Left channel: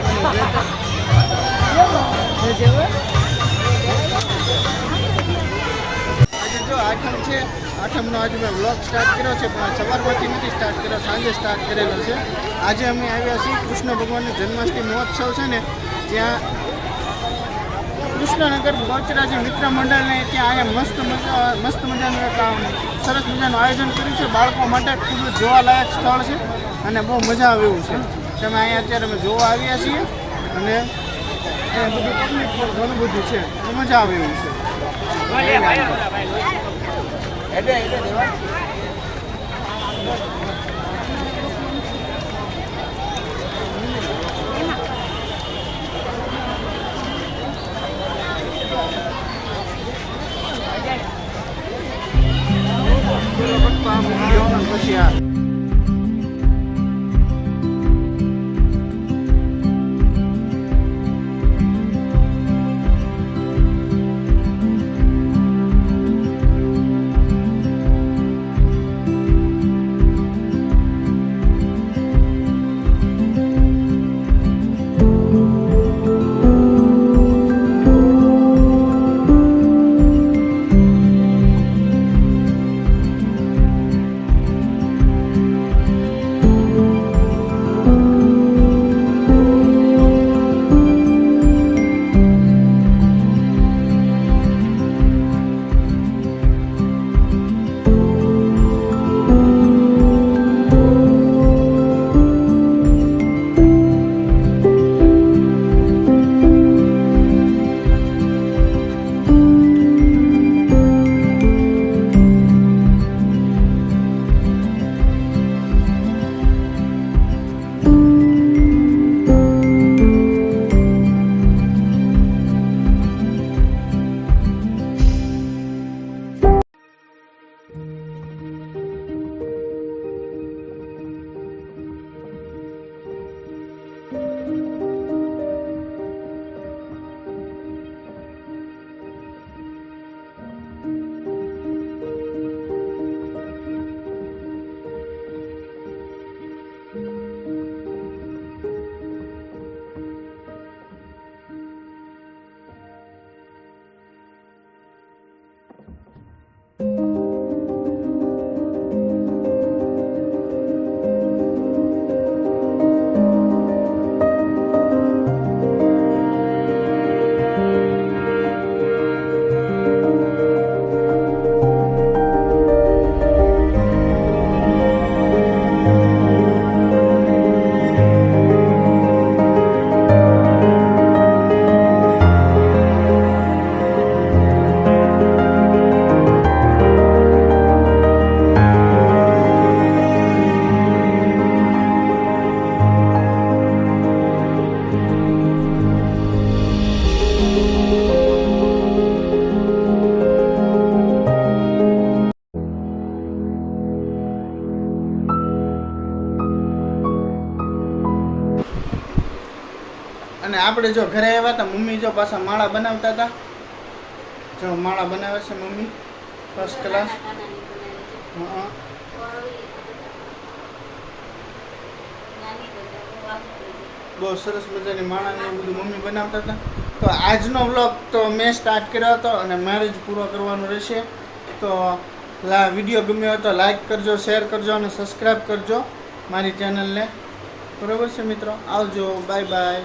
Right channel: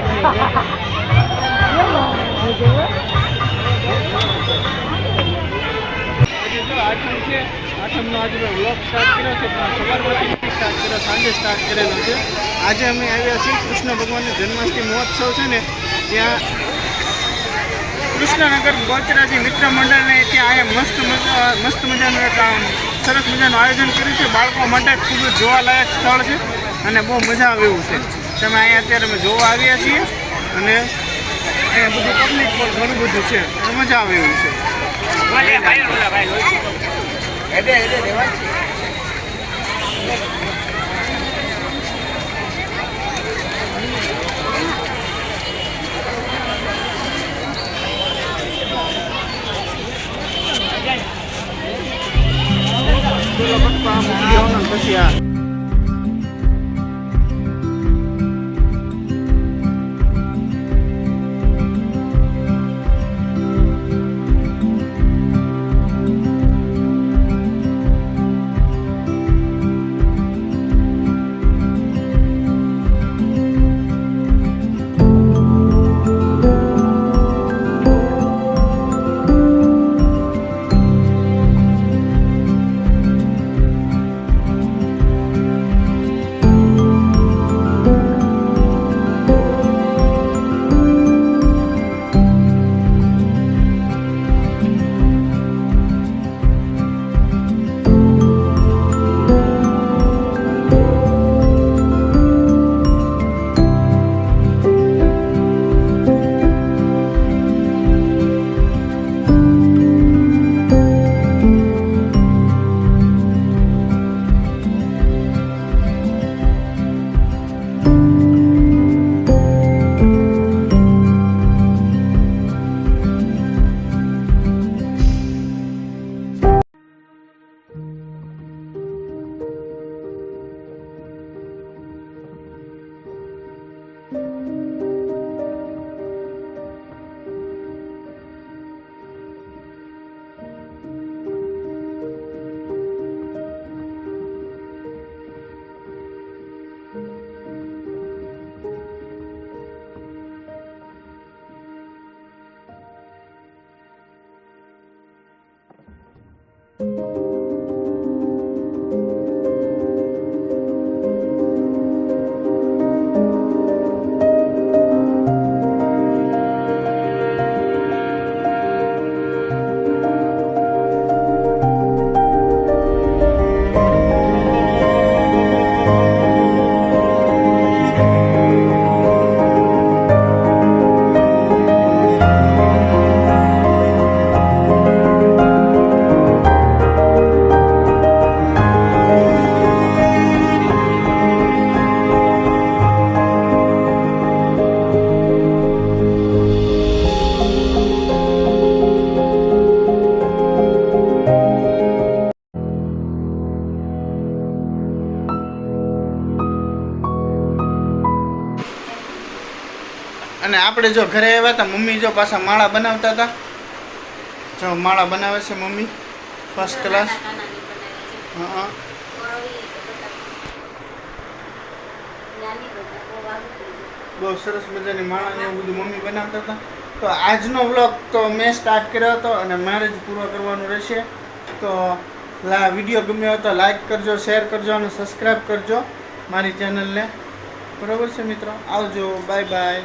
આજે જો આઠમ છે, આઠમનો આજે મેં વ્લોગ સ્ટાર્ટ કર્યો છે, પણ સવારમાંથી નથી સ્ટાર્ટ કર્યો, સાંજે સ્ટાર્ટ કરેલો છે. આજે અમે આવ્યા છીએ કૃષ્ણ ભગવાનની જન્માષ્ટમી મહોત્સવ છે ને ત્યાં કૃષ્ણનગર બહુચરાજી મિત્ર મંડળને ત્યાં અહીંયા મસ્ત મજાનું એક સરસ મજાનું આયોજન કર્યું છે. બાળકો માટે ખૂબ જ જોવાલાયક સ્થળ છે અને બહુ મજા આવે એવું છે. તમે અહીંયા અત્યારે અમે જોવા આવ્યા છીએ અને અહીંયા બધું પબ્લિક પણ ઘણું બધું છે અને મજા આવે એવું છે. પછી આ અને આપણે જો ઘરે આવ્યા હતા, મમ્મી જો પાછા માળા બનાવતા હતા. જો માળા બનાવે છે મમ્મી, ફર્સ્ટ ક્લાસ. હા, બહુ સરસ મજાની માળા ને એવું બધું મમ્મી બનાવતા હતા. તો આજનો વ્લોગ તો મેં સ્ટાર્ટ કર્યો હતો અને મારે જ પૂરો કરવાનો રહેશે. તો વિડીયો ગમ્યો હોય તો લાઈક કરજો, શેર કરજો અને સબસ્ક્રાઈબ કરજો મારી ચેનલને. બરાબર છે મિત્રો, આવજો, બાય બાય.